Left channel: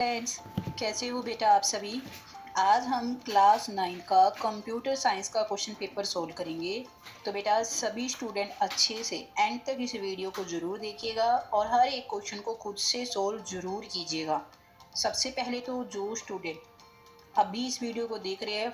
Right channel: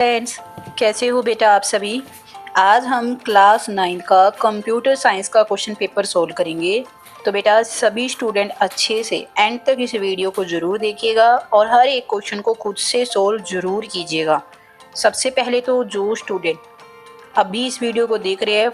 Friends, कैसे हो बेटा आप सभी। आज हम क्लास 9 का कंप्यूटर साइंस का क्वेश्चन पेपर सोल्व करेंगे। तो बेटा सभी स्टूडेंट अच्छे से एंड तक इस वीडियो को ज़रूर देखिएगा और हर एक क्वेश्चन को खुद से सोल्व ज़रूर कीजिएगा। सबसे पहले तो जो स्टूडेंट अभी इस वीडियो को देख रहे हैं,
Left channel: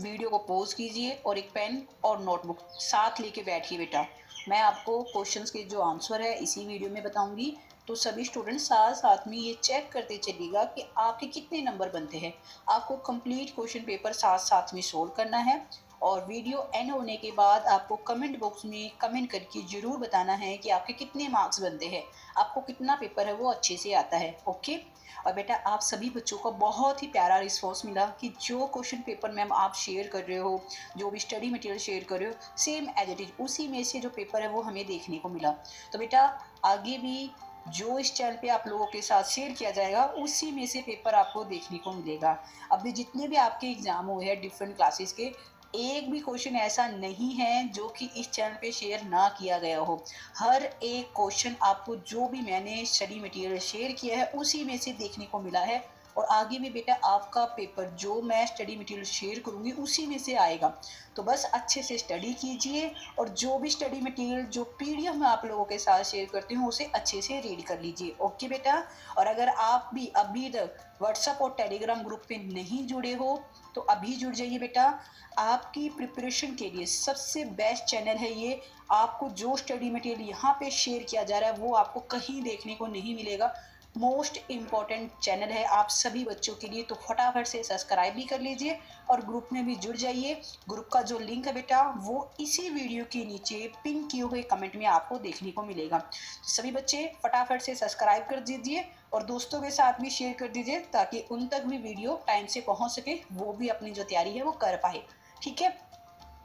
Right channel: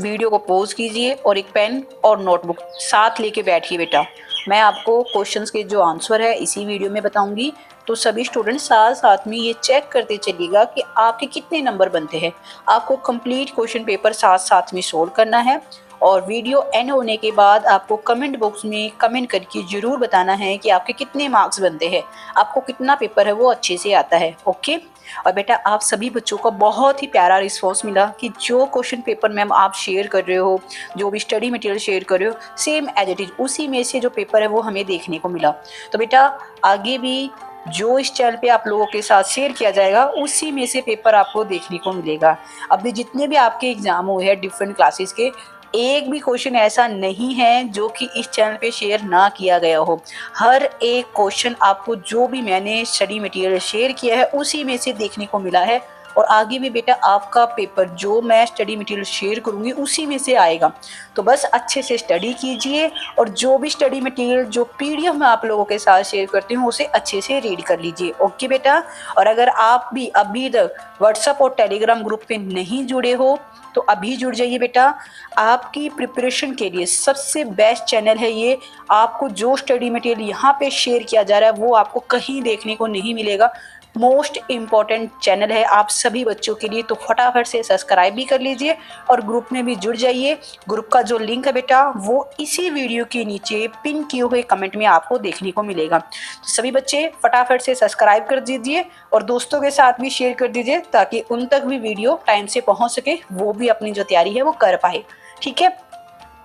वीडियो को पॉज कीजिए और एक पेन और नोटबुक साथ लेके बैठिए बेटा। मैं आपको क्वेश्चंस के जो आंसर है इसी वीडियो में बताऊंगी, तो सभी स्टूडेंट साथ साथ में ये चेक करते चलिएगा कि आपके कितने नंबर बनते हैं। आपको कंप्लीट क्वेश्चन पेपर साथ साथ में सोल्व करना है और वीडियो एंड होने के बाद आपको कमेंट बॉक्स में कमेंट करके ज़रूर बताना है कि आपके कितने मार्क्स बनते हैं, आपको कितना पेपर है वो अच्छे से आता है। ओके। और बेटा आप सभी बच्चों का बहुत ही प्यारा रिस्पॉन्स मिला कि जो क्वेश्चन पेपर मैम आप शेयर कर रहे हो, जो भी स्टडी मटेरियल शेयर कर रहे हो, सेम एज इट इज़ उसी में से जो पेपर है वो हमें देखने को मिला। तो बेटा आगे भी जो इस चैनल पे आप लोगों के साथ शेयर किया जाएगा उसी में से पेपर आपको देखने को मिलेगा। अभी जितने भी आपके एग्जाम हुए हैं डिफरेंट क्लासेस के, एक भी क्वेश्चन ऐसा नहीं है जो कि इस चैनल पे शेयर ना किया गया हो। हर एक क्वेश्चन आपको जो भी मैंने स्टडी मटेरियल शेयर किया है उसी में से देखने को मिला है और आगे भी बेटा आपका पेपर जो मैं स्टडी मटेरियल शेयर करूँगी उसी में से आएगा। तो बस अच्छे से स्टडी कीजिए और जो भी स्टडी मटेरियल जो पीडीएफ मैं आप लोगों के साथ शेयर करती हूँ उसे अच्छे से रीड कर लीजिए। ओके बेटा। और अगर आप भी अभी तक व्हाट्सएप और टेलीग्राम ग्रुप पे नहीं जुड़े हो तो अभी जुड़ जाइए बेटा। आपकी प्रिपरेशन के लिए सबसे बेस्ट चैनल है ये। आपको जो स्टडी मटेरियल यहाँ पे शेयर किया जा रहा है वो आपको कहीं देखने को नहीं मिलेगा। मोस्ट इम्पॉर्टेंट चैनल है आप सभी बच्चों के लिए, तो फटाफट से सब्सक्राइब भी कर लीजिए और ग्रुप में भी जुड़ जाइए। ग्रुप का जो लिंक है बेटा वो इसी वीडियो के नीचे पिन किए हुए कमेंट में आपको देखने को मिलेगा। तो सभी बच्चे फटाफट से सब्सक्राइब कर दीजिए और दोस्तों के साथ भी शेयर कर दीजिए ताकि उन तक भी वीडियो टाइम से पहुंच सके, वो भी अपनी जो तैयारी है वो कर पाए। ठीक है।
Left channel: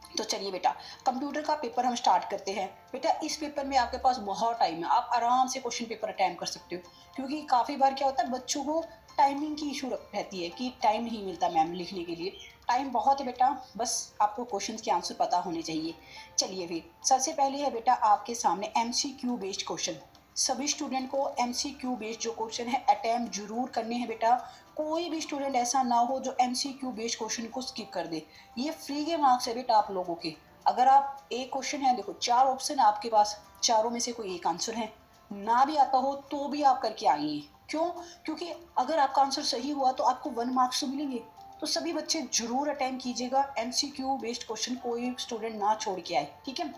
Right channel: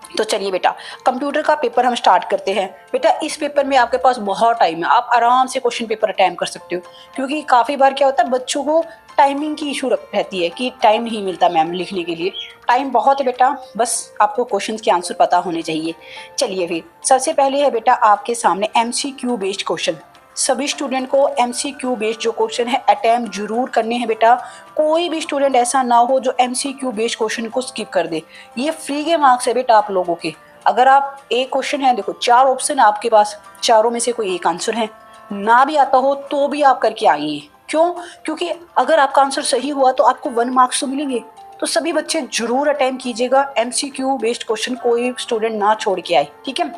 तो चलिए बेटा कंप्यूटर का पेपर हम स्टार्ट करते हैं। बेटा इस पेपर में आपके पास बहुत टाइम है, आप आराम से क्वेश्चन पेपर अटेम्प्ट कर सकते हो, क्योंकि काफ़ी बार क्या होता है बच्चों को टाइमिंग की इशू रहती है कि टाइम नहीं मिलता मैम लिखने के लिए। टाइम बहुत है बेटा, बस आपको क्वेश्चंस के आंसर पता होने चाहिए। चलिए फिर सबसे पहले है बेटा आपके सामने एमसीक्यू बेस्ड क्वेश्चन। सभी स्टूडेंट को एमसीक्यू बेस्ड जो क्वेश्चन है अटेम्प्ट जरूर करने हैं बेटा। कोई भी स्टूडेंट ऐसा ना हो जो एमसीक्यू बेस्ड क्वेश्चन को स्किप कर दे। ये फ्री के मार्क्स है बेटा आप लोगों के। अगर आप एक क्वेश्चन है, देखो 4 ऑप्शन है आपके पास, चारों में से कोई एक आंसर है, ना भी आता हो तो भी आप करके आइए। क्यों? क्योंकि अगर आपका आंसर सही हुआ तो आपको 1 मार्क्स तो मिलेंगे। तो सभी बच्चे जरूर अटेम्प्ट कीजिएगा, एमसीक्यू बेस्ड क्वेश्चन कोई स्टूडेंट ना छोड़ के आए। ठीक है।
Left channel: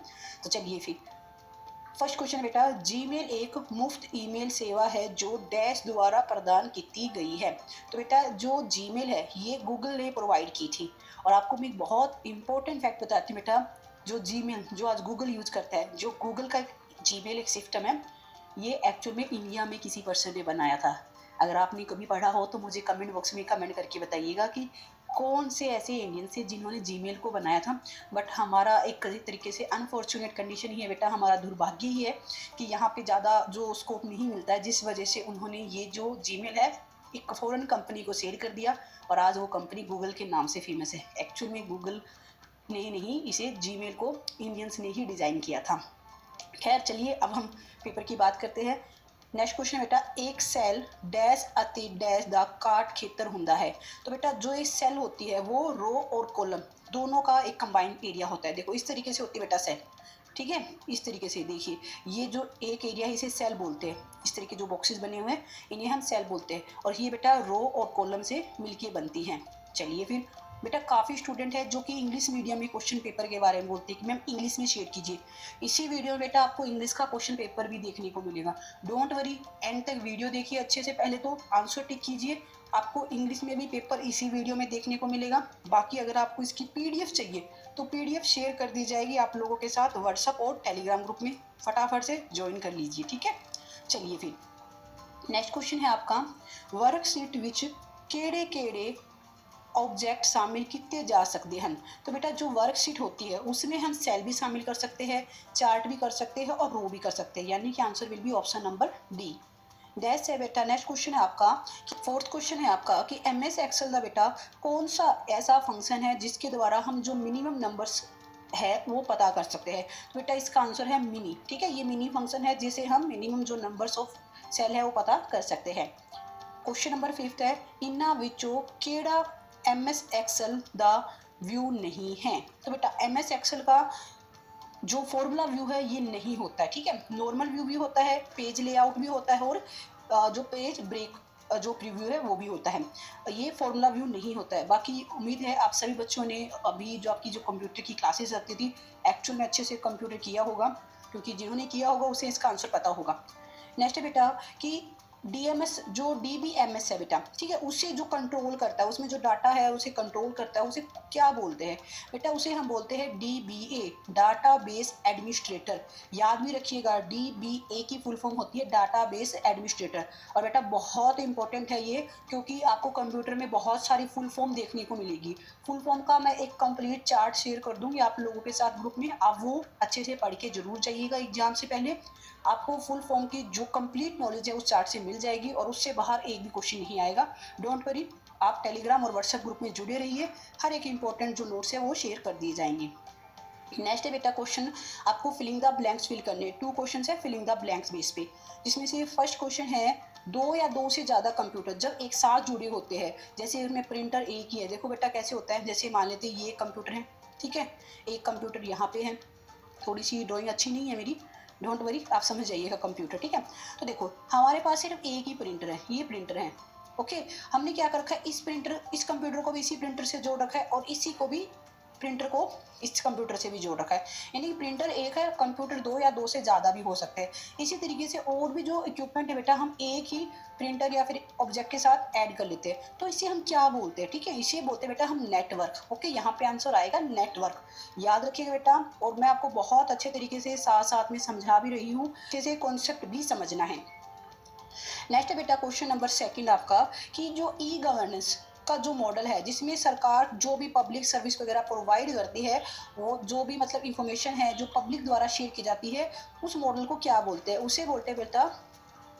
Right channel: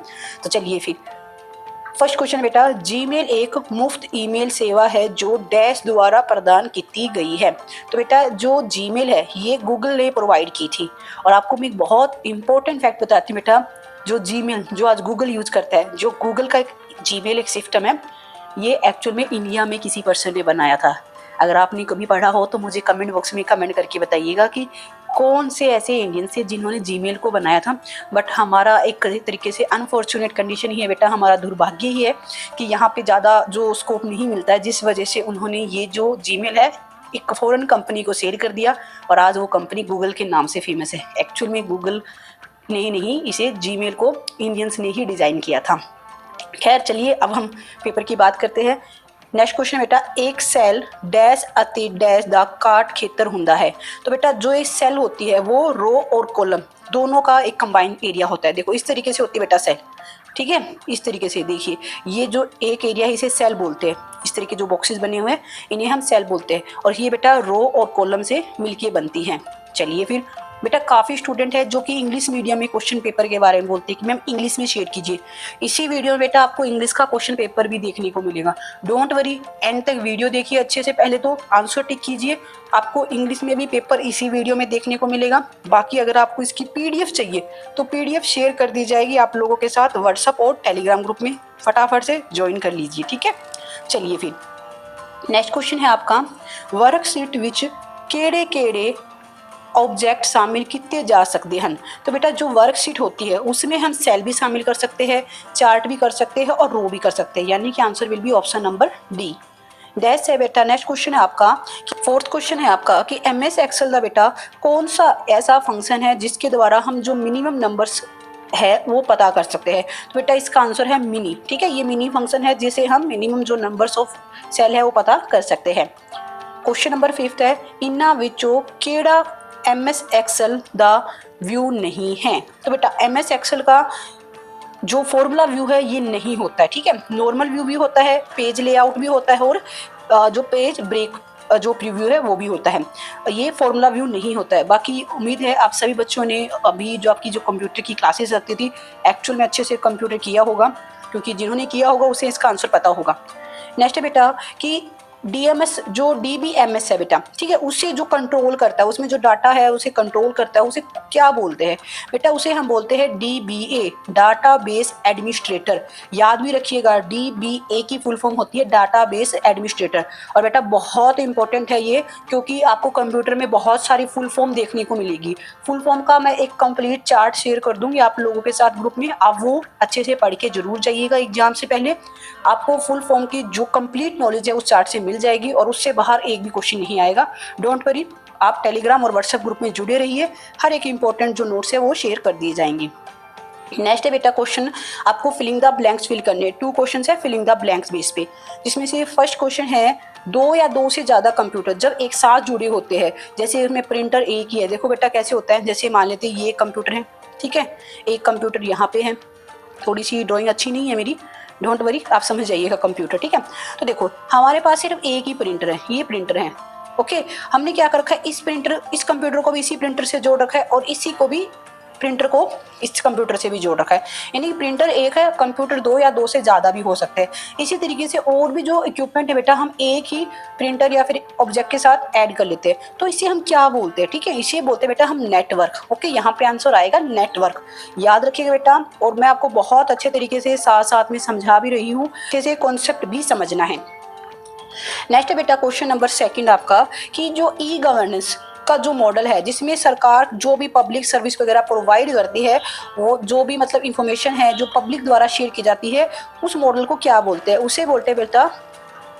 तो चलिए फिर फर्स्ट क्वेश्चन बेटा, जीमेल एक मुफ्त ईमेल सेवा है जो डैश द्वारा प्रदान की गई है। तो बेटा जो जीमेल है ये गूगल ने प्रोवाइड की थी। और आपको मैं एक बहुत इंपॉर्टेंट फैक्ट बताती हूँ बेटा, जो जीमेल जो आज गूगल यूज करता है, जो गूगल का एक जीमेल एक सिस्टम है, ये एक्चुअल में इंडिया में किसी पर्सन ने बनाया था। अगर आपने कभी पढ़ा हो तो मुझे कमेंट बॉक्स में कमेंट करके बताइएगा कि कौन से ऐसे इंडियन से जिन्होंने जीमेल को बनाया था। बट हमारा एक तरीके से अनफॉर्चुनेट कंडीशन ही है बेटा, हमारा दुर्भाग्य ही है कि यहाँ पे ज़्यादा जो स्कोप नहीं मिलता है, जिस वजह से उन्होंने ये जो जीमेल है एक फॉरेन कंपनी को सेल कर दिया और आज वो कंपनी गूगल के नाम से फेमस है। एक्चुअल में गूगल ने नहीं, इसे जीमेल को इंडियंस ने ही डिज़ाइन किया था। खैर चलिए अब हम पेपर की बात करते हैं। नेक्स्ट क्वेश्चन बेटा, एक सेल डैश अति डैश द काट खेतर हुंदा है। तो बेटा जो एक सेल होती है वो रो और कॉलम दोनों का एक कंबाइंड एरिया होता है। देखो इस तरीके से होती है बेटा सेल। ठीक है, इस तरीके से देखिए, ये जो एक एरिया है इसे सेल बोलते हैं। इस तरीके जो बॉक्सेस बने हुए हैं इन्हें हम सेल बोलते हैं और ये बेटा रो और कॉलम से मिलके बनती हैं। चलिए फिर बेटा काफ़ी स्टूडेंट है जो कि इंग्लिश मीडियम में क्वेश्चन पेपर के बारे में बोलते हैं कि मैम इंग्लिश में शेयर कीजिए। इसी वीडियो में बेटा आपको इंग्लिश का क्वेश्चन पेपर भी देखने को मिलेगा। डोंट वरी, एंड तक वीडियो देखिए अच्छे से, पहले तो आंसर टिक कीजिए, आपको इंग्लिश में भी पेपर इसी वीडियो में देखने को मिलेगा। बाकी अगर आपको इसकी पीडीएफ चाहिए तो पीडीएफ शेयर कर दी जाएगी आप लोगों के साथ व्हाट्सएप और टेलीग्राम ग्रुप में, फटाफट से ज्वाइन कर लीजिए। ठीक है। चलिए फिर नेक्स्ट क्वेश्चन है आपका, वर्कशीट विच केड़े केड़े ऑब्जेक्ट शामिल किए जा सकते हैं। तो बेटा जो वर्कशीट होती है उसमें हम सेल भी शामिल कर सकते हैं, चार्ट भी कर सकते हैं और रो भी कर सकते हैं, यानी कि answer will be option number D. That's है बेटा। नेक्स्ट क्वेश्चन है आपका, फोर्थ क्वेश्चन है आपका कि एमएस एक्सेल का बेटा कौन सा ऐसा फंक्शन है जिसके द्वारा हम जो मिनिमम नंबर्स है वो पता कर सकते हैं। तो बेटा इसका आंसर है मिनी। ठीक है, ये मिनी फंक्शन है जिसे हम मिनिमम जो नंबर्स ऑफ सेल है वो पता कर सकते हैं। क्वेश्चन नंबर 5 है, इन्ना विचों केड़ा MS एक्सेल दा व्यू नहीं है। तो बेटा MS एक्सेल का जो फॉर्मूला व्यू है ये नहीं होता है, ठीक है। नॉर्मल व्यू भी होता है, पेज लेआउट भी होता है, और जो पेज ब्रेक जो प्रीव्यू है वो भी होता है। ये फॉर्मूला व्यू नहीं होता है। बाकी उम्मीद है आप सभी बच्चों ने अभी जो आपकी जो कंप्यूटर की क्लासेस लगती थी एक्चुअल में अच्छे से कंप्यूटर किया होगा, क्योंकि जिन्होंने किया होगा उसे इसका आंसर पता होगा। नेक्स्ट है बेटा कि DMS जो DBMS है बेटा, ठीक है, उसे जो कंट्रोल करता है, उसमें जो डाटा है उसे कंट्रोल करता है, उसे क्या बोलते हैं बेटा? उसे हम बोलते हैं DBA, डाटाबेस एडमिनिस्ट्रेटर। याद भी रखिएगा, DBA की फुल फॉर्म होती है डाटाबेस एडमिनिस्ट्रेटर। और बेटा बहुत इंपॉर्टेंट है ये, क्योंकि आपको कंप्यूटर में बहुत सारी फुल फॉर्म देखने को मिलेगी। फुल फॉर्म का मैं एक कंप्लीट चार्ट शेयर कर दूंगी आप लोगों के साथ ग्रुप में, आप वो अच्छे से पढ़ के जरूर जाइएगा। एग्जाम से पहले आपको फुल फॉर्म की जो कंप्लीट नॉलेज है उस चार्ट से मिल जाएगी, और उससे बाहर एक भी क्वेश्चन नहीं आएगा। डोंट वरी, आप टेलीग्राम और व्हाट्सएप ग्रुप में जुड़े रहिए, हर एक इंपॉर्टेंट जो नोट्स है वो शेयर कर दिए जाएंगे। नेक्स्ट है बेटा क्वेश्चन, आपको फिलिंग द ब्लैंक्स फिल करने। 2 क्वेश्चन है फिलिंग द ब्लैंक्स बेस पे, जिसमें से फर्स्ट क्वेश्चन है, 2 या 2 से ज़्यादा कंप्यूटर जब एक साथ जुड़े होते हैं, जैसे इसमें प्रिंटर एक ही है। देखो बेटा कैसे होता है, जैसे मान लेते हैं ये कंप्यूटर है, ठीक है, एक कंप्यूटर यहाँ पे है। थोड़ी सी ड्राइंग अच्छी नहीं है मेरी, डोंट वरी, आप समझ जाइएगा कंप्यूटर, ठीक है। तो देखो हमारे पास सिर्फ एक ही प्रिंटर है, ये प्रिंटर है, ओके। हमने क्या कर रखा है, इस कंप्यूटर को भी इसी प्रिंटर से जोड़ रखा है, और इसी को भी प्रिंटर को इस कंप्यूटर से भी जोड़ रखा है। यानी प्रिंटर एक है, कंप्यूटर 2 या 2 से ज़्यादा भी हो सकते हैं। इसी तरीके से और भी जो इक्विपमेंट है बेटा, हम एक ही प्रिंटर या फिर ऑब्जेक्ट के साथ ऐड कर लेते हैं, तो इसे हम क्या बोलते हैं, ठीक है, इसे बोलते हैं बेटा हम नेटवर्क। ओके, यहाँ पे आंसर आएगा नेटवर्क, याद रखिएगा बेटा। और मैं आपको बहुत अच्छे तरीके से साथ साथ में समझा भी रही हूँ, जैसे कॉन्सेप्ट भी समझना है। नेक्स्ट बेटा क्वेश्चन नंबर 2 आपका, कि जो E-गवर्नेंस का जो मॉडल है, जिसमें सरकार जो भी पब्लिक सर्विस वगैरह प्रोवाइड करती है, वो जो भी मतलब इंफॉर्मेशन है जो पब्लिक द्वारा शेयर की जाती है, उस मॉडल को क्या बोलते हैं? उसे बोलते हैं बेटा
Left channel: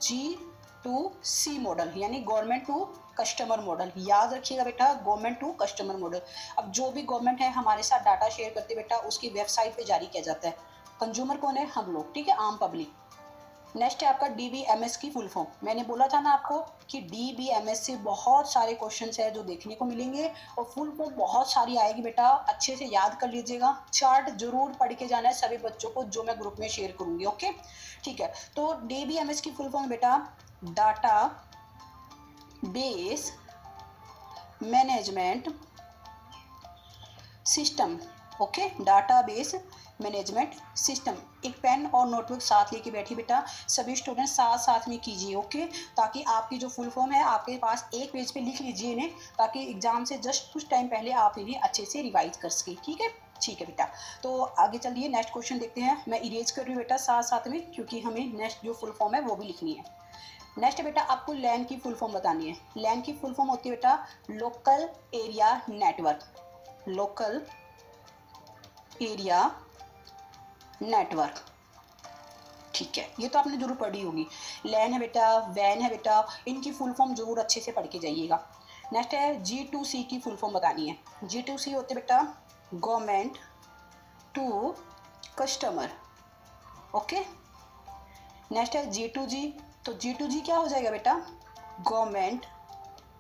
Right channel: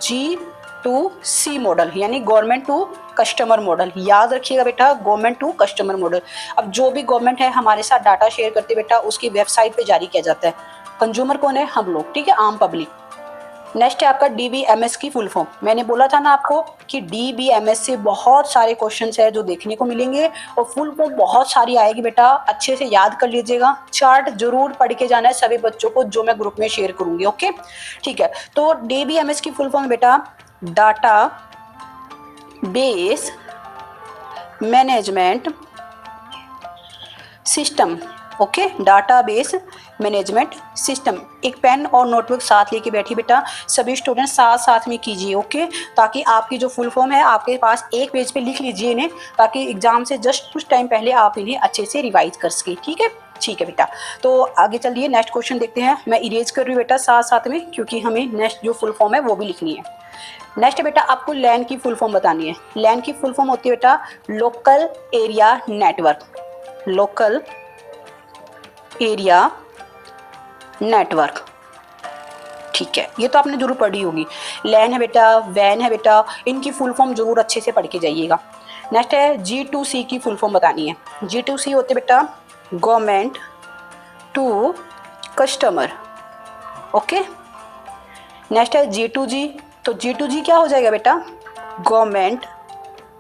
G2C मॉडल, यानी गवर्नमेंट टू कस्टमर मॉडल। याद रखिएगा बेटा, गवर्नमेंट टू कस्टमर मॉडल। अब जो भी गवर्नमेंट है हमारे साथ डाटा शेयर करती है बेटा, उसकी वेबसाइट पे जारी किया जाता है। कंज्यूमर कौन है? हम लोग, ठीक है, आम पब्लिक। नेक्स्ट है आपका DBMS की फुल फॉर्म। मैंने बोला था ना आपको कि DBMS से बहुत सारे क्वेश्चंस है जो देखने को मिलेंगे, और फुल फॉर्म बहुत सारी आएगी बेटा, अच्छे से याद कर लीजिएगा। चार्ट जरूर पढ़ के जाना है सभी बच्चों को, जो मैं ग्रुप में शेयर करूंगी, ओके, ठीक है। तो DBMS की फुल फॉर्म है बेटा data base management system, okay, database management system. एक पेन और नोटबुक साथ लेके बैठी बेटा, सभी स्टूडेंट साथ साथ में कीजिए, ओके, ताकि आपकी जो फुल फॉर्म है आपके पास एक पेज पे लिख लीजिए इन्हें, ताकि एग्जाम से जस्ट कुछ टाइम पहले आप इन्हें अच्छे से रिवाइज कर सके, ठीक है, ठीक है बेटा। तो आगे चलिए नेक्स्ट क्वेश्चन देखते हैं। मैं इरेज कर रही हूँ बेटा साथ साथ में, क्योंकि हमें नेक्स्ट जो फुल फॉर्म है वो भी लिखनी है। नेक्स्ट बेटा आपको लैन की फुल फॉर्म बतानी है। लैन की फुल फॉर्म होती है बेटा local area network, local area network, ठीक है, ये तो आपने जरूर पढ़ी होगी। लैन है बेटा, वैन है बेटा, इनकी फुल फॉर्म जरूर अच्छे से पढ़ के जाइएगा। नेक्स्ट है G2C की फुल फॉर्म बतानी है। G2C होते बेटा government to customer, okay. Next है G2G, तो G2G क्या हो जाएगा बेटा गवर्नमेंट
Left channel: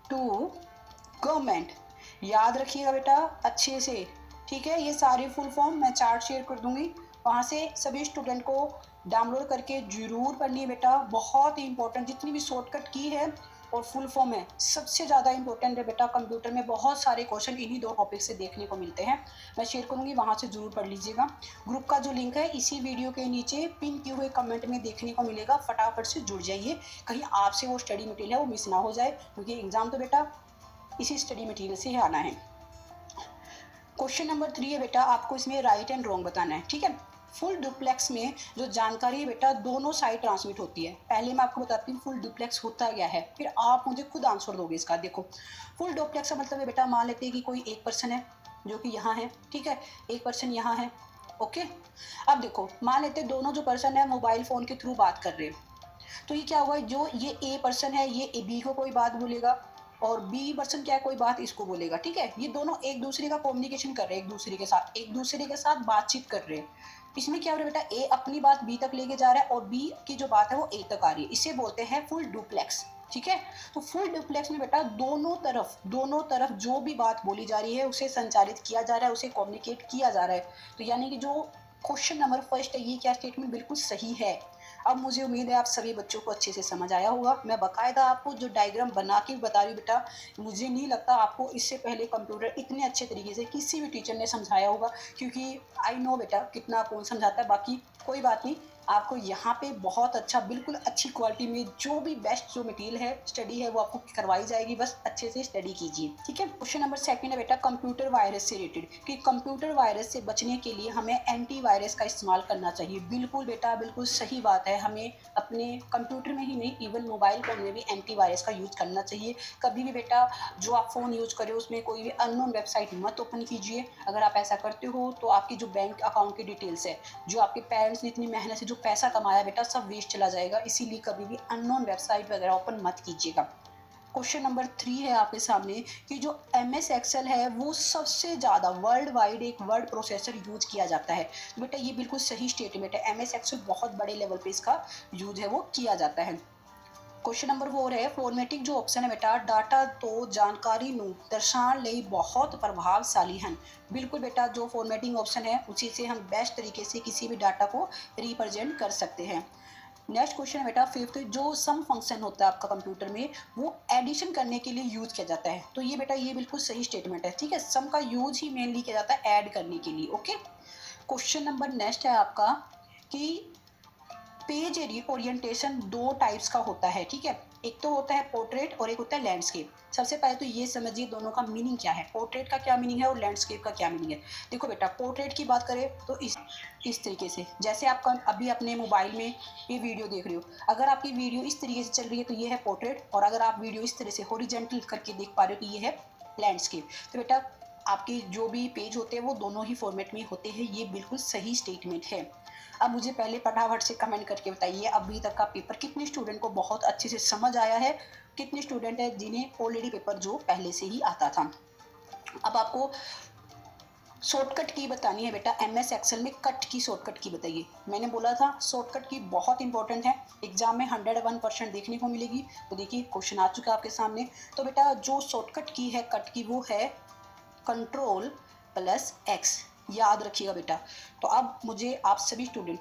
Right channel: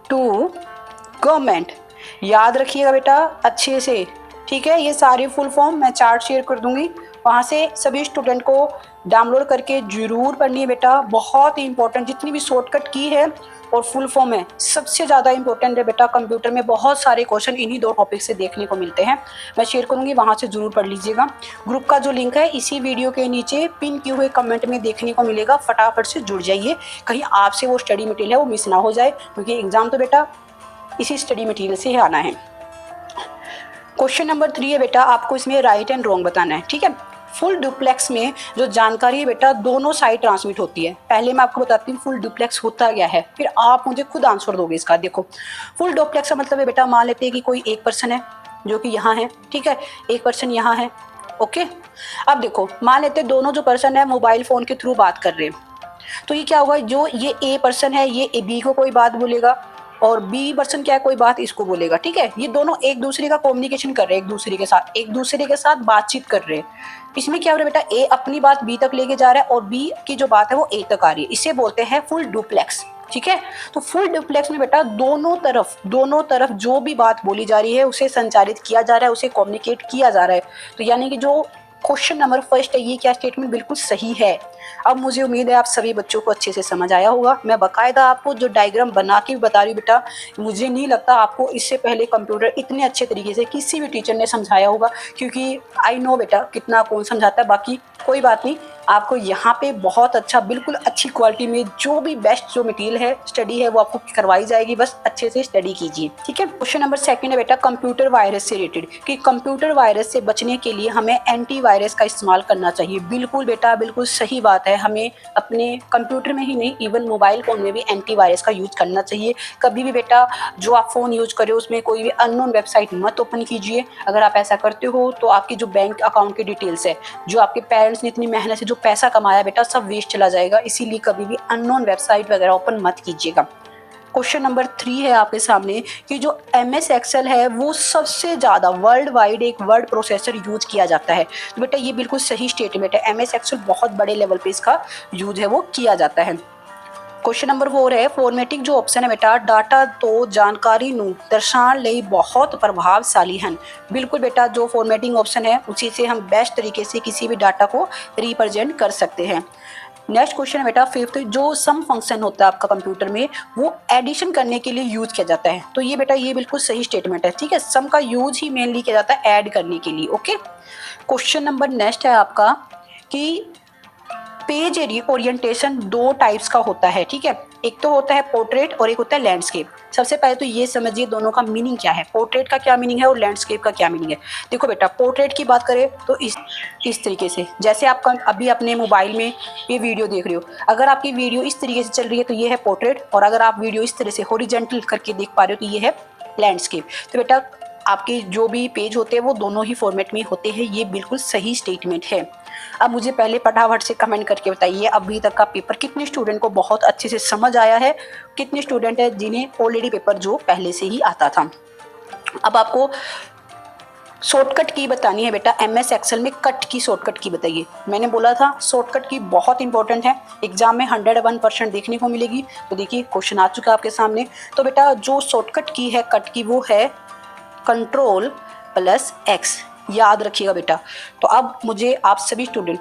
टू गवर्नमेंट। याद रखिएगा बेटा अच्छे से, ठीक है। ये सारी फुल फॉर्म मैं चार्ट शेयर कर दूंगी, वहाँ से सभी स्टूडेंट को डाउनलोड करके जरूर पढ़नी है बेटा। बहुत ही इंपॉर्टेंट, जितनी भी शॉर्टकट की है और फुल फॉर्म है सबसे ज़्यादा इंपॉर्टेंट है बेटा। कंप्यूटर में बहुत सारे क्वेश्चन इन्हीं 2 टॉपिक से देखने को मिलते हैं, मैं शेयर करूँगी, वहाँ से ज़रूर पढ़ लीजिएगा। ग्रुप का जो लिंक है इसी वीडियो के नीचे पिन किए हुए कमेंट में देखने को मिलेगा, फटाफट से जुड़ जाइए, कहीं आपसे वो स्टडी मटेरियल है वो मिस ना हो जाए, क्योंकि एग्ज़ाम तो बेटा इसी स्टडी मटेरियल से ही आना है। क्वेश्चन नंबर 3 है बेटा, आपको इसमें राइट एंड रॉन्ग बताना है, ठीक है। फुल डुप्लेक्स में जो जानकारी है बेटा दोनों साइड ट्रांसमिट होती है। पहले मैं आपको बताती हूँ फुल डुप्लेक्स होता क्या है, फिर आप मुझे खुद आंसर दोगे इसका। देखो फुल डुप्लेक्स का मतलब है बेटा, मान लेते हैं कि कोई एक पर्सन है जो कि यहाँ है, ठीक है, एक पर्सन यहाँ है, ओके। अब देखो मान लेते हैं दोनों जो पर्सन है मोबाइल फ़ोन के थ्रू बात कर रहे हैं, तो ये क्या होगा, जो ये ए पर्सन है ये बी को कोई बात बोलेगा, और बी पर्सन क्या है कोई बात इसको बोलेगा, ठीक है। ये दोनों एक दूसरे का कम्युनिकेशन कर रहे हैं, एक दूसरे के साथ बातचीत कर रहे हैं। इसमें क्या हो रहा है बेटा, ए अपनी बात बी तक लेके जा रहा है और बी की जो बात है वो ए तक आ रही है, इसे बोलते हैं फुल डुप्लेक्स, ठीक है। तो फुल डुप्लेक्स में बेटा दोनों तरफ जो भी बात बोली जा रही है उसे संचारित किया जा रहा है, उसे कम्युनिकेट किया जा रहा है। तो यानी कि जो क्वेश्चन नंबर फर्स्ट है ये क्या स्टेटमेंट बिल्कुल सही है। अब मुझे उम्मीद है आप सभी बच्चों को अच्छे से समझ आया होगा। मैं बाकायदा आपको जो डायग्राम बना के बता रही हूँ बेटा, मुझे नहीं लगता आपको इससे पहले कंप्यूटर इतने अच्छे तरीके से किसी भी टीचर ने समझाया होगा, क्योंकि आई नो बेटा कितना कौन समझाता है। बाकी कोई बात नहीं, आपको यहाँ पे बहुत अच्छा बिल्कुल अच्छी क्वालिटी में जो भी बेस्ट जो मटेरियल है स्टडी है वो आपको करवाई जाएगी, बस अच्छे से स्टडी कीजिए। ठीक है। क्वेश्चन नंबर सेकंड है बेटा कंप्यूटर वायरस से रिलेटेड, कि कंप्यूटर वायरस से बचने के लिए हमें एंटीवायरस का इस्तेमाल करना चाहिए। बिल्कुल बेटा बिल्कुल सही बात है, हमें अपने कंप्यूटर में ही नहीं इवन मोबाइल फ़ोन में भी एंटीवायरस का यूज करना चाहिए। कभी भी बेटा जो आप फ़ोन यूज करें उसमें कोई भी अननोन वेबसाइट मत ओपन कीजिए। अगर आप ऐसा करते हो तो आपकी जो बैंक अकाउंट की डिटेल्स है, जो आपके पेरेंट्स ने इतनी मेहनत से जो पैसा कमाया बेटा, सब वेस्ट चला जाएगा। इसीलिए कभी भी अननोन वेबसाइट वगैरह ओपन मत कीजिएगा। क्वेश्चन नंबर 3 है आपके सामने कि जो MS एक्सेल है वो सबसे ज़्यादा वर्ल्ड वाइड एक वर्ड प्रोसेसर यूज किया जाता है। तो बेटा ये बिल्कुल सही स्टेटमेंट है, MS एक्सेल बहुत बड़े लेवल पे इसका यूज है वो किया जाता है। क्वेश्चन नंबर 4 है फॉर्मेटिंग जो ऑप्शन है बेटा, डाटा तो जानकारी ਨੂੰ दर्शाने ਲਈ बहुत प्रभावशाली हैं। बिल्कुल बेटा जो फॉर्मेटिंग ऑप्शन है उसी से हम बेस्ट तरीके से किसी भी डाटा को रिप्रेजेंट कर सकते हैं। नेक्स्ट क्वेश्चन है बेटा फिफ्थ, जो सम फंक्शन होता है आपका कंप्यूटर में वो एडिशन करने के लिए यूज किया जाता है। तो ये बेटा ये बिल्कुल सही स्टेटमेंट है। ठीक है, सम का यूज ही मेनली किया जाता है ऐड करने के लिए। ओके। क्वेश्चन नंबर नेक्स्ट है आपका कि पेज ओरिएंटेशन दो टाइप्स का होता है। ठीक है, एक तो होता है पोर्ट्रेट और एक होता है लैंडस्केप। सबसे पहले तो ये समझिए दोनों का मीनिंग क्या है, पोर्ट्रेट का क्या मीनिंग है और लैंडस्केप का क्या मीनिंग है। देखो बेटा पोर्ट्रेट की बात करें तो इस तरीके से, जैसे आप अभी अपने मोबाइल में ये वीडियो देख रहे हो, अगर आपकी वीडियो इस तरीके से चल रही है तो ये है पोर्ट्रेट, और अगर आप वीडियो इस तरह से हॉरिजॉन्टल करके देख पा रहे हो तो ये है लैंडस्केप। तो बेटा आपके जो भी पेज होते हैं वो दोनों ही फॉर्मेट में होते हैं, ये बिल्कुल सही स्टेटमेंट है। अब मुझे पहले फटाफट से कमेंट करके बताइए अभी तक का पेपर कितने स्टूडेंट को बहुत अच्छे से समझ आया है, कितने स्टूडेंट है जिन्हें ऑलरेडी पेपर जो पहले से ही आता था। अब आपको शॉर्टकट की बतानी है बेटा, MS एक्सेल में कट की शॉर्टकट की बताइए। मैंने बोला था शॉर्टकट की बहुत इंपॉर्टेंट है, एग्जाम में 101% देखने को मिलेगी। तो देखिए क्वेश्चन आ चुका है आपके सामने। तो बेटा जो शॉर्टकट की है कट की वो है Ctrl+X, याद रखिएगा बेटा। तो अब मुझे आप सभी स्टूडेंट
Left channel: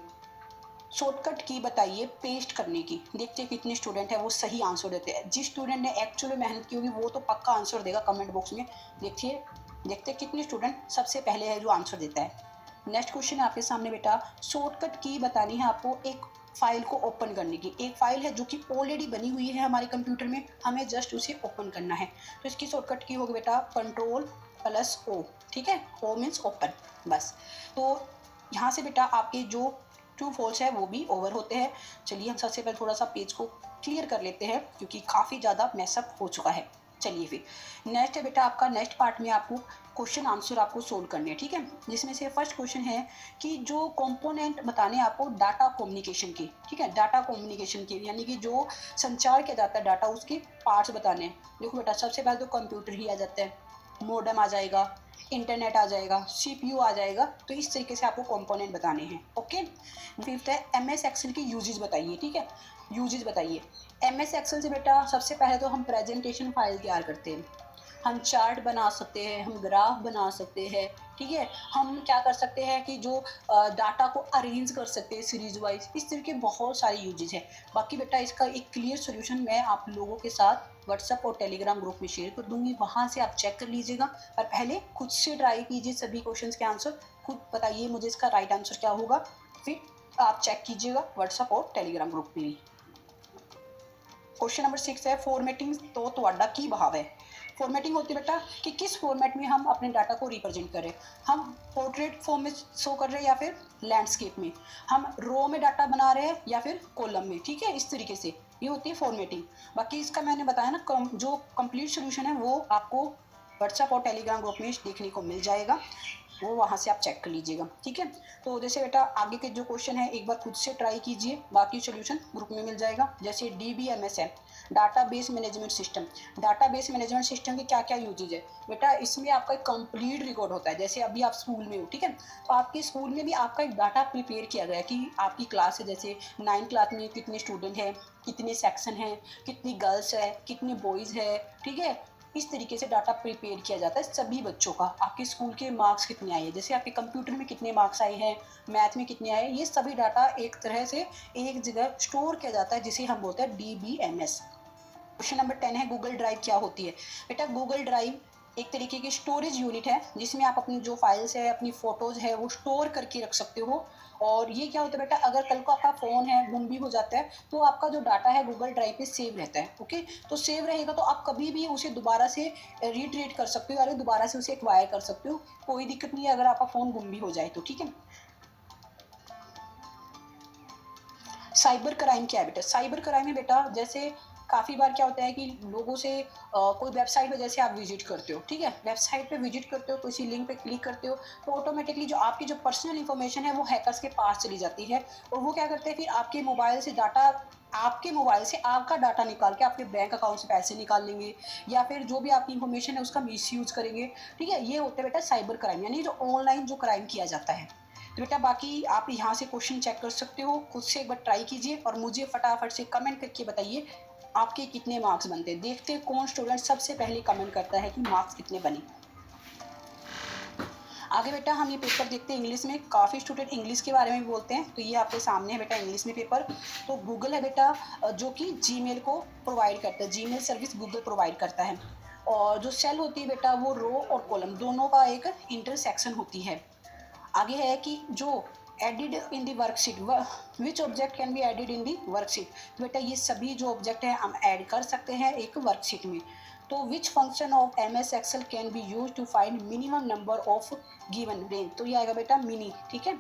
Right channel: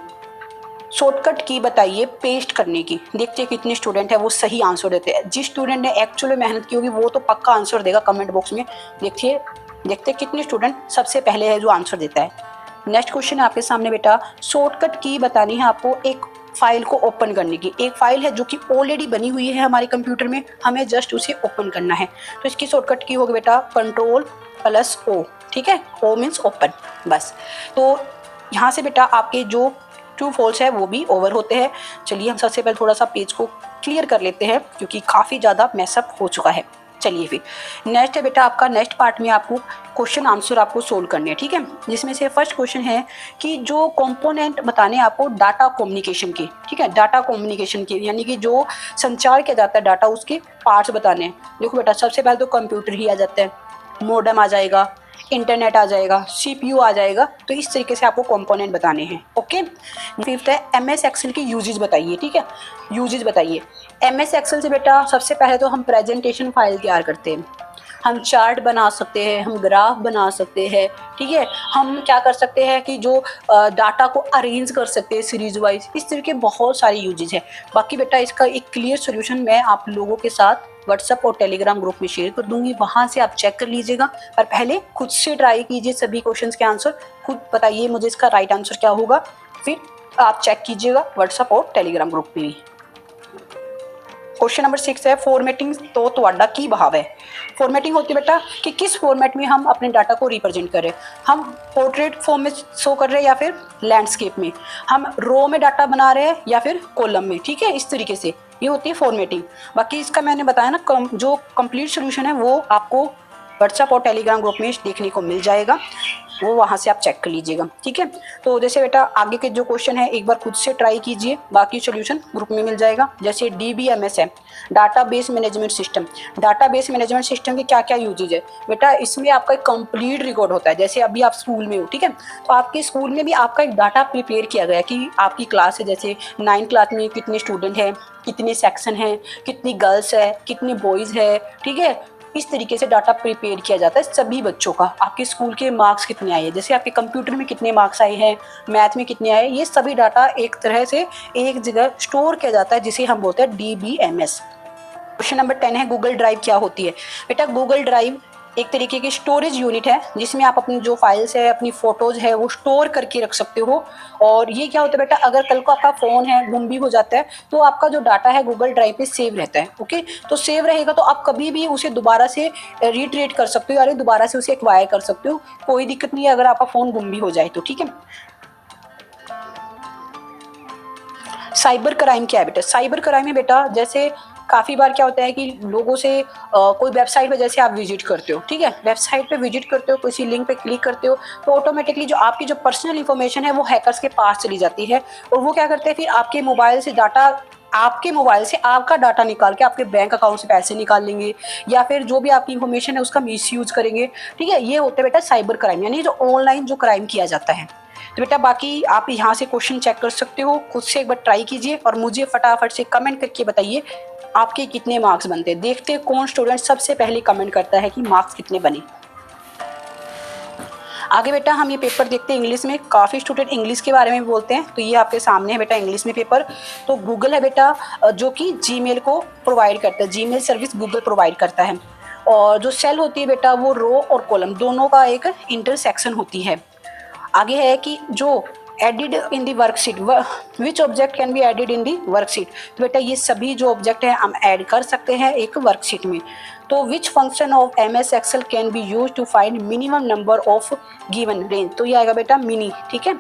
शॉर्टकट की बताइए पेस्ट करने की। देखते हैं कितने स्टूडेंट है वो सही आंसर देते हैं। जिस स्टूडेंट ने एक्चुअली मेहनत की होगी वो तो पक्का आंसर देगा कमेंट बॉक्स में। देखते कितने स्टूडेंट सबसे पहले है जो आंसर देता है। नेक्स्ट क्वेश्चन है आपके सामने बेटा, शॉर्टकट की बतानी है आपको एक फाइल को ओपन करने की। एक फाइल है जो कि ऑलरेडी बनी हुई है हमारे कंप्यूटर में, हमें जस्ट उसे ओपन करना है। तो इसकी शॉर्टकट की होगी बेटा Ctrl+O। ठीक है, O मीन्स ओपन, बस। तो यहाँ से बेटा आपके जो ट्रू फॉल्स है वो भी ओवर होते हैं। चलिए हम सबसे पहले थोड़ा सा पेज को क्लियर कर लेते हैं क्योंकि काफ़ी ज़्यादा मैसअप हो चुका है। चलिए फिर नेक्स्ट है बेटा आपका, नेक्स्ट पार्ट में आपको क्वेश्चन आंसर आपको सोल्व करने हैं। ठीक है, जिसमें से फर्स्ट क्वेश्चन है कि जो कंपोनेंट बताने आपको डाटा कम्युनिकेशन के। ठीक है, डाटा कम्युनिकेशन के यानी कि जो संचार किया जाता है डाटा, उसके पार्ट्स बताने हैं। देखो बेटा सबसे पहले तो कंप्यूटर ही आ जाता है, मॉडेम आ जाएगा, इंटरनेट आ जाएगा, CPU आ जाएगा। तो इस तरीके से आपको कंपोनेंट बताने हैं। ओके। फिफ्थ है MS एक्सेल की यूजेज बताइए। ठीक है, यूजेज बताइए। MS एक्सेल से बेटा सबसे पहले तो हम प्रेजेंटेशन फाइल तैयार करते हैं, हम चार्ट बना सकते हैं, हम ग्राफ बना सकते हैं। ठीक है, हम क्या कर सकते हैं कि जो डाटा को अरेंज कर सकते हैं सीरीज वाइज। इस तरह के बहुत सारी यूजेज है। बाकी बेटा इसका एक क्लियर सोल्यूशन मैं आप लोगों के साथ व्हाट्सएप और टेलीग्राम ग्रुप में शेयर कर दूंगी, वहाँ से आप चेक कर लीजिएगा। पर पहले खुद से ट्राई कीजिए सभी क्वेश्चंस के आंसर, खुद बताइए मुझे इसका राइट आंसर क्या होगा, फिर आप चेक कीजिएगा व्हाट्सएप और टेलीग्राम ग्रुप में भी। क्वेश्चन नंबर 6 है फॉर्मेटिंग तो ਤੁਹਾਡਾ की भाव है। फॉर्मेटिंग होती है बेटा कि किस फॉर्मेट में हम अपने डाटा को रिप्रेजेंट करें, हम पोर्ट्रेट फॉर्म में शो कर रहे हैं या फिर लैंडस्केप में, हम रो में डाटा बना रहे हैं या फिर कॉलम में। ठीक है, इस तरीके से ये होती है फॉर्मेटिंग। बाकी इसका मैंने बताया ना जो कंप्लीट सोल्यूशन है वो आपको व्हाट्सएप और टेलीग्राम ग्रुप में देखने को मिल जाएगा, वो वहाँ से आप चेक कर लीजिएगा। ठीक है, तो जैसे बेटा आगे के जो क्वेश्चन है एक बार खुद से ट्राई कीजिए, बाकी सॉल्यूशन ग्रुप में मिल जाएगा। जैसे DBMS है, database management system. Database management system के क्या क्या यूजेज है बेटा, इसमें आपका एक कंप्लीट रिकॉर्ड होता है। जैसे अभी आप स्कूल में हो, ठीक है, तो आपके स्कूल में भी आपका एक डाटा प्रिपेयर किया गया है कि आपकी क्लास है, जैसे 9th क्लास में कितने स्टूडेंट हैं, कितने सेक्शन हैं, कितनी गर्ल्स है, कितने बॉयज़ है, ठीक है। इस तरीके से डाटा प्रिपेयर किया जाता है सभी बच्चों का। आपके स्कूल के मार्क्स कितने आए, जैसे आपके कंप्यूटर में कितने मार्क्स आए हैं, मैथ में कितने आए, ये सभी डाटा एक तरह से एक जगह स्टोर किया जाता है, जिसे हम बोलते हैं DBMS। क्वेश्चन नंबर 10 है, गूगल ड्राइव क्या होती है। बेटा गूगल ड्राइव एक तरीके की स्टोरेज यूनिट है, जिसमें आप अपनी जो फाइल्स है, अपनी फोटोज है, वो स्टोर करके रख सकते हो। और ये क्या होता है बेटा, अगर कल को आपका फ़ोन है गुम भी हो जाता है तो आपका जो डाटा है गूगल ड्राइव पे सेव रहता है। ओके, तो सेव रहेगा तो आप कभी भी उसे दोबारा से रिट्रीट कर सकते हो, यानी दोबारा से उसे एक्वायर कर सकते हो, कोई दिक्कत नहीं है अगर आपका फ़ोन गुम भी हो जाए तो, ठीक है। साइबर क्राइम क्या है बेटा, साइबर क्राइम है बेटा, जैसे काफ़ी बार क्या होता है कि लोगों से कोई वेबसाइट पे जैसे आप विजिट करते हो, ठीक है, वेबसाइट पे विजिट करते हो, किसी लिंक पे क्लिक करते हो, तो ऑटोमेटिकली जो आपकी जो पर्सनल इन्फॉर्मेशन है वो हैकर्स के पास चली जाती है। और वो क्या करते हैं, फिर आपके मोबाइल से डाटा, आपके मोबाइल से आपका डाटा निकाल के आपके बैंक अकाउंट से पैसे निकाल लेंगे, या फिर जो भी आपकी इन्फॉर्मेशन है उसका मिसयूज करेंगे, ठीक है। ये होता है बेटा साइबर क्राइम, यानी जो ऑनलाइन जो क्राइम किया जाता है। तो बेटा बाकी आप यहाँ से क्वेश्चन चेक कर सकते हो, खुद से एक बार ट्राई कीजिए और मुझे फटाफट से कमेंट करके बताइए आपके कितने मार्क्स बनते हैं। देखते हैं कौन स्टूडेंट सबसे पहले कमेंट करता है कि मार्क्स कितने बने। आगे बेटा हम ये पेपर देखते हैं इंग्लिश में। काफ़ी स्टूडेंट इंग्लिश के बारे में भी बोलते हैं, तो ये आपके सामने है बेटा इंग्लिश में पेपर। तो गूगल है बेटा जो कि जीमेल को प्रोवाइड करता है, जीमेल सर्विस गूगल प्रोवाइड करता है। और जो सेल होती है बेटा वो रो और कॉलम दोनों का एक इंटरसेक्शन होती है। आगे है कि जो added in the worksheet, which object can be added in the worksheet. तो बेटा ये सभी जो ऑब्जेक्ट है हम ऐड कर सकते हैं एक वर्कशीट में। तो which function of MS Excel can be use to find minimum number of given range. तो ये आएगा बेटा मिनी, ठीक है।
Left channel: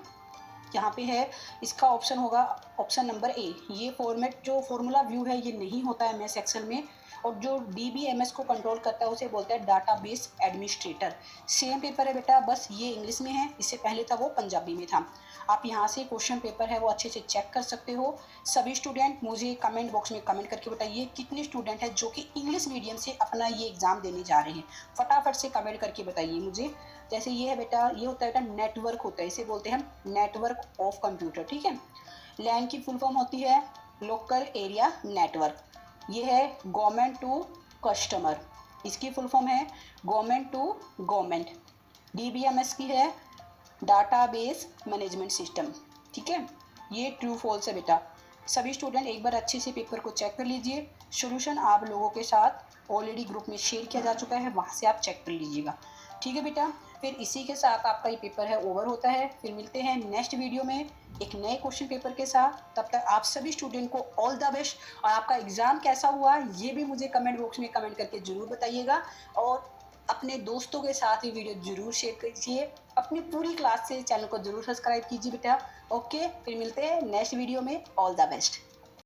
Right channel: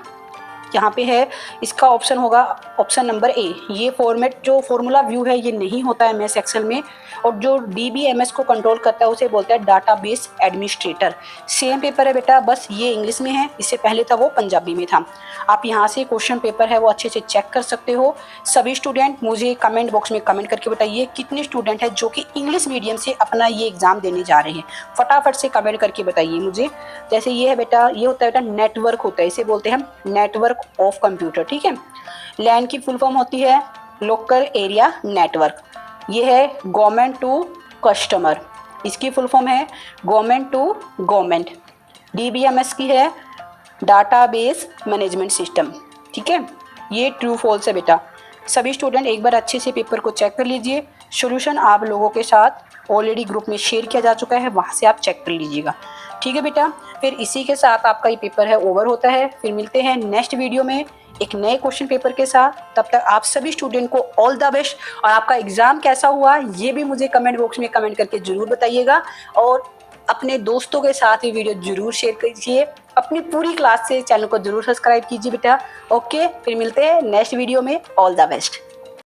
यहाँ पे है इसका ऑप्शन होगा ऑप्शन नंबर ए। ये फॉर्मेट जो फॉर्मूला व्यू है ये नहीं होता है MS एक्सेल में, और जो DBMS को कंट्रोल करता है उसे बोलते हैं डाटाबेस एडमिनिस्ट्रेटर। सेम पेपर है बेटा, बस ये इंग्लिश में है, इससे पहले था वो पंजाबी में था। आप यहाँ से क्वेश्चन पेपर है वो अच्छे से चेक कर सकते हो। सभी स्टूडेंट मुझे कमेंट बॉक्स में कमेंट करके बताइए कितने स्टूडेंट हैं जो कि इंग्लिश मीडियम से अपना ये एग्ज़ाम देने जा रहे हैं। फटाफट से कमेंट करके बताइए मुझे। जैसे ये है बेटा, ये होता है बेटा नेटवर्क होता है, इसे बोलते हैं हम नेटवर्क ऑफ कंप्यूटर, ठीक है। लैन की फुल फॉर्म होती है लोकल एरिया नेटवर्क। ये है गवर्नमेंट टू कस्टमर, इसकी फुल फॉर्म है गवर्नमेंट टू गवर्नमेंट। DBMS की है डाटाबेस मैनेजमेंट सिस्टम, ठीक है। ये ट्रू फॉल्स है बेटा। सभी स्टूडेंट एक बार अच्छे से पेपर को चेक कर लीजिए। सॉल्यूशन आप लोगों के साथ ऑलरेडी ग्रुप में शेयर किया जा चुका है, वहाँ से आप चेक कर लीजिएगा, ठीक है बेटा। फिर इसी के साथ आपका ये पेपर है ओवर होता है। फिर मिलते हैं नेक्स्ट वीडियो में एक नए क्वेश्चन पेपर के साथ। तब तक आप सभी स्टूडेंट को ऑल द बेस्ट, और आपका एग्ज़ाम कैसा हुआ ये भी मुझे कमेंट बॉक्स में कमेंट करके ज़रूर बताइएगा। और अपने दोस्तों के साथ ये वीडियो ज़रूर शेयर कीजिए। अपनी पूरी क्लास से चैनल को ज़रूर सब्सक्राइब कीजिए बेटा। ओके, फिर मिलते हैं नेक्स्ट वीडियो में। All the best.